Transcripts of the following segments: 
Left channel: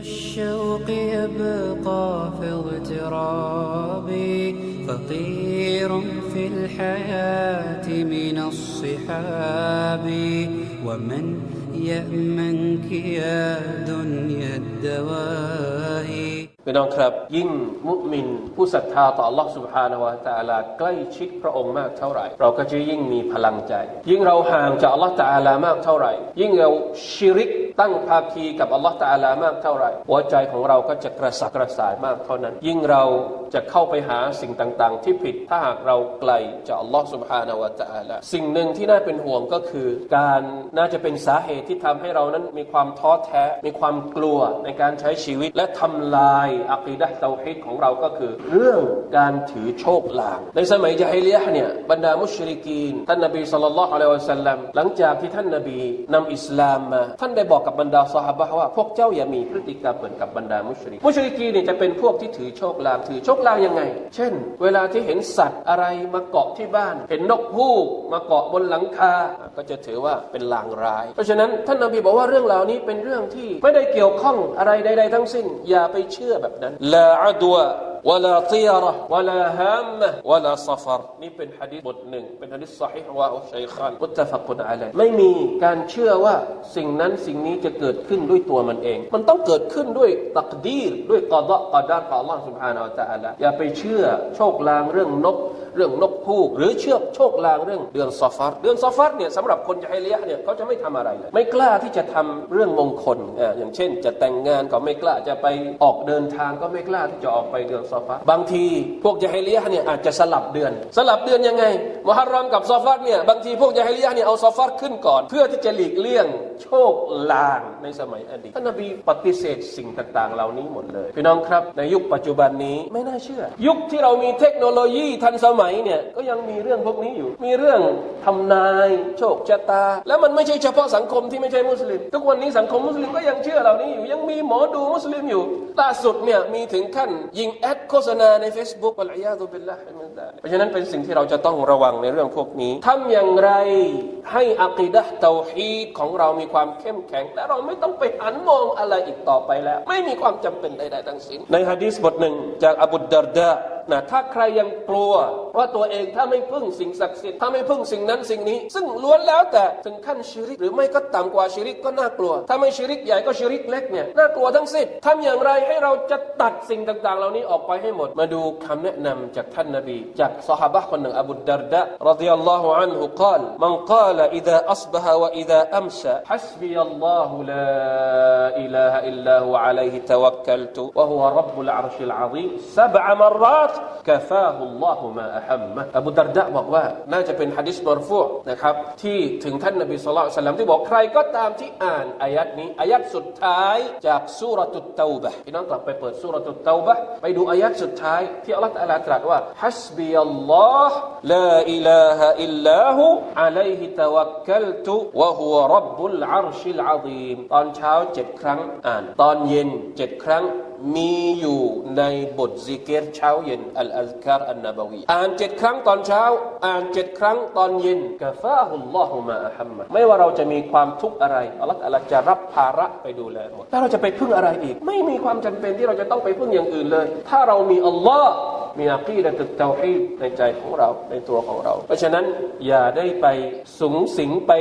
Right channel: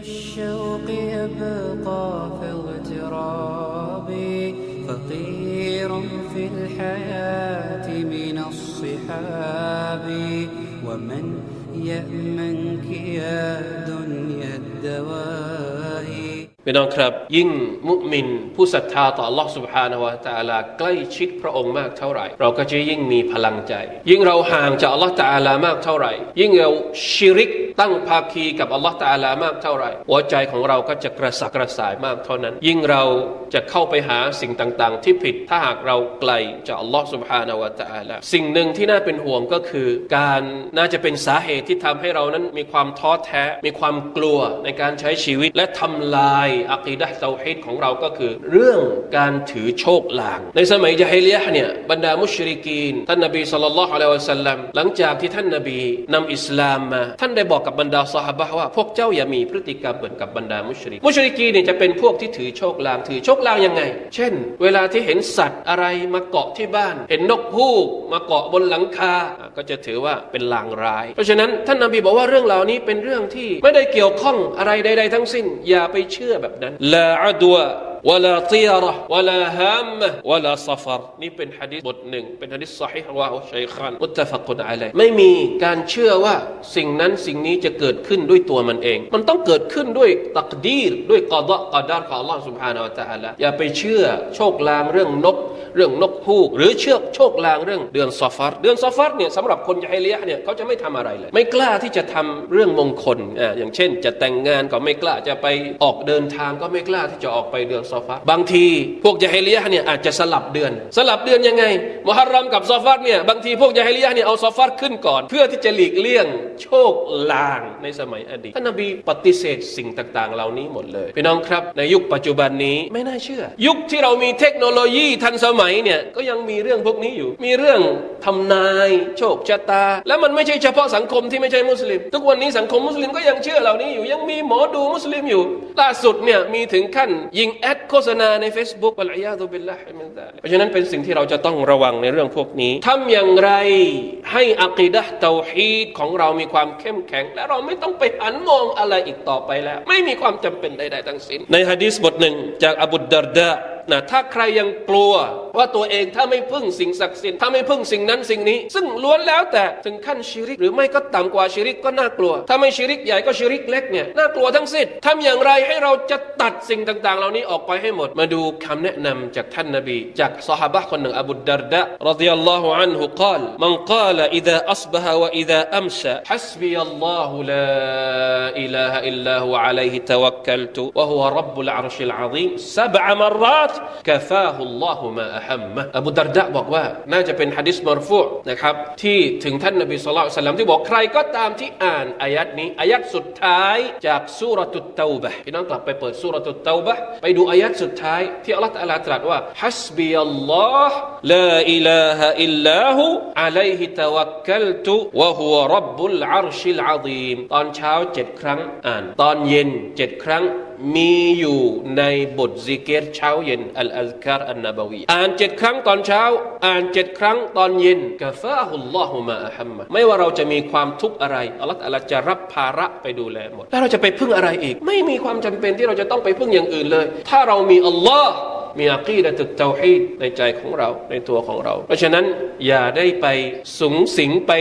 الشوق يبقى في اغترابي فقير في الحياة من الصحاب ومن يأمنك يا دنيا الدواهي พี่น้องครับ ยิ่งมุมินผู้ศรัทธาต่อ Allah سبحانه และ تعالى ใกล้ชิดพระองค์มากเท่าไหร่ เราก็จะยิ่งมีพลังใจ ยิ่งเราห่างจาก Allah تعالى มากเท่าไหร่ ยิ่งเราชิริก ตั้งภาคีกับอัลลอฮฺตาลามากเท่าไหร่หัวใจของเราก็จะกระสับกระส่ายมากเท่านั้น ยิ่งเราจะเข้าไปหาสิ่งต่างๆ ที่ผิดถ้าหากเราไกลจากอัลลอฮฺสุบฮานาวะตาลาสิ่งหนึ่งที่น่าเป็นห่วงก็คือ การน่าจะเป็นสาเหตุที่ทำให้เรานั้นมีความท้อแท้มีความกลัวในการใช้ชีวิต และทำลายอัคีดะเตาฮิดของเราก็คือ เรื่องการถือโชคลาง ในสมัยยะฮิเลียเนี่ยบรรดามุชริกีนท่านนบีสุลต่านละฮ์อะลัยวะสัลลัมหลังจากที่ท่านนบีนำอิสลามมา ท่านได้บอกกับบรรดาสหบะห์ว่า พวกเจ้าอย่ามีพฤติกรรมเหมือนกับบรรดามุชริก มุชริกีเนี่ยจะเป็นพวกที่ถือโชคลางถือโชคลางยังไง เช่น เวลาที่เห็นสัตว์อะไรมาเกาะที่บ้าน เห็นนกฮูกมาเกาะบนหลังคา ก็จะถือว่าเป็นลางร้าย เพราะฉะนั้นท่านนบีบอกว่าเรื่องเหล่านี้เป็นเรื่องที่ไม่ได้เกี่ยวข้องอะไรใด ๆ ทั้งสิ้น อย่าไปเชื่อแบบนั้นลาอัดวะ ولا طيرة ولا هامة ولا صفر นี่เป็นฮะดิษบทหนึ่ง เป็นฮะดิษสሒฮ์รวาฮุชัยคานมุตตะฟักุนอะลัยไม่มีการเชื่อว่าสิ่งนั้นสิ่งนี้จะเกิดขึ้นด้วยตัวมันเอง มันต้องเกิดขึ้นด้วยตักดีรด้วยกอดะกอดารของ Allah سبحانه และ تعالى อย่าไปเชื่อโชคลางเรื่องนก เรื่องนกฮูก หรือเชื่อโชคลางเรื่องเดือนซอฟัรเดือนซอฟัรเนี่ยสำหรับคนยะฮิเลียะห์เนี่ยเขาจะไม่ทำอะไรเลย ไม่กล้าที่จะทำเรื่องมงคลอ่าอย่างเช่น จะแต่งงานก็ไม่กล้าจะไปออกเดินทางก็ไม่กล้าที่จะออกไปเดือน ซอฟัรบางทีพวกยะฮิเลียะเนี่ยอาจจะสลับเดือน สลับเดือนยังไงมุฮัรรอมกับซอฟัรเนี่ยบางทีพวกยะฮิเลียะเนี่ยเอาซอฟัรขึ้นก่อน เพื่อที่จะหลีกเลี่ยงโชคลางในสมัยอดีตท่านนบีปฏิเสธสิ่งต่างๆ เหล่านี้หมดเลยพี่น้องครับ ในยุคปัจจุบันนี้ไม่น่าเชื่อ ยุคที่เรามีเทคโนโลยีทันสมัยเนี่ยก็ยังมีเรื่องพวกนี้อยู่ มีเรื่องทำนายโชคชะตา และมันไม่ใช่เฉพาะสังคมที่ไม่ใช่มุสลิม ทุกวันนี้สังคมมุสลิมก็ยังเชื่อเหล่านี้อยู่ยังมีหมอดูมุสลิมอยู่ล่าสุดเนี่ยมีถึงขั้นยิงแอดโฆษณาใน Facebook อัลอยาตุบิลลาฮิมินซาเพราะฉะนั้นเป็นสิ่งที่เราจะต้องระวังในเรื่องพวกนี้ทำอย่างไรให้อักีดะเตาฮีดของเรามีความเข้มแข็ง และเราไม่ต้องไปหันมองอะไรอีกต่อไปแล้ว ไม่มีความจำเป็นใด ๆ ทั้งสิ้น ในฮะดีษบทหนึ่งจากอบุดดารดะนะถ้าใครยังกลัว ว่าตัวเองถ้าไม่พึ่งสิ่งศักดิ์สิทธิ์ถ้าไม่พึ่งสิ่งนั้นสิ่งนี้ ซึ่งล้วนแล้วแต่ถึงขั้นชิริก หรือไม่ก็ต่ำกว่าชิริกก็น่ากลัว ถ้าไม่ชิริกใหญ่ก็ชิริกเล็กเนี่ยน่ากลัวทั้งสิ้นทำอย่างไรให้เราจะตัดสิ่งต่าง ๆ เหล่านี้ออกไปให้หมด มาดูคำแนะนำจากท่านนบี จากสหายคนหนึ่งอบูดดารดะรดิยัลลอฮุอันฮุกล่าวมันกล่าว إذا أصبح وإذا أمسى حسبي الله لا إله إلا هو عليه توكلت وهو رب العرش العظيم سبع مرات كفاه الله ما ละอัมมะอบูดารดะบอกว่าน่าจะเป็นฮะดิษมรฟูนะครับที่ถึงท่านนบีสุลต่านที่บอกใครก็ตามที่อ่านอายัดนี้อายัดสุดท้ายจากสุรตุตเตาบะพี่น้องกลับไปเปิดสุรตุตเตาบะไปดูอายัดสุดท้ายที่อัลลอฮฺตรัสตรัสว่าฮัสบิอัลลอฮ์ลาอิลาฮะอิลลาหูอะลัยฮิตะวักกัลตุวะฮุวะรับบุลอาร์ชิลอาซีมตอนเช้าเจ็ดครั้งอ่าน ตอนเย็นเจ็ดครั้ง มีอยู่ในบทซิกเกตเช้าเย็นอัลอัลคารอันนบวีอ่านเจ็ดครั้งตอนเช้า อ่านเจ็ดครั้งตอนเย็นกาฟาฮุลลอฮุมาอัฮัมมะไม่ว่าเราจะมีความทุกข์อะไรอัลลอฮฺตะอาลาจะรับภาระไปดูแลหมดแล้วเราจะไปพึ่งอะไรอีก ไม่มีความจำเป็นที่เราจะต้องไปพึ่งอย่างอื่นเลย ถ้าเรามีอัลลอฮ์ มีอักีดะตุเตาฮีดในใจของเราในตัวของเรา เพราะฉะนั้นอย่าได้ไปสูงสิงไป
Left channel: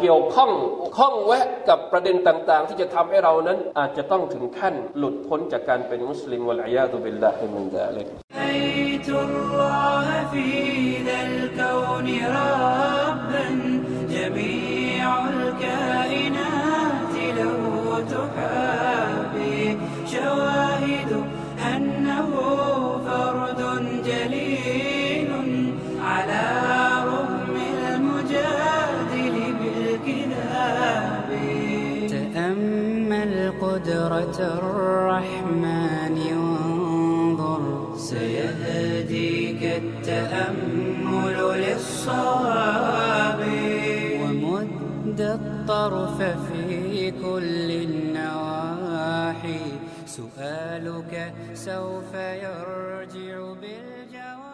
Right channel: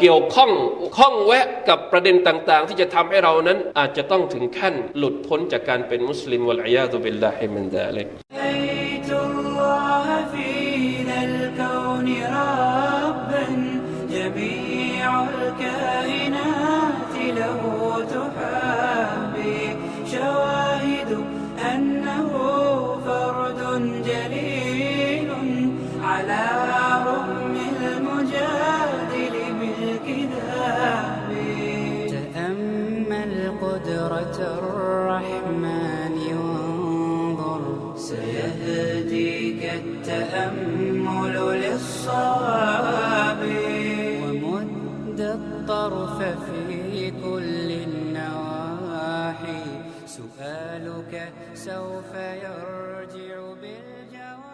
เกี่ยวข้องข้องแวะกับประเด็นต่างๆ ที่จะทำให้เรานั้นอาจจะต้องถึงขั้นหลุดพ้นจากการเป็นมุสลิมวะลัยาตุบิลลาฮิมินดาลิก الطرف في كل النواحي. سؤالك سوف يرجع بالجواب.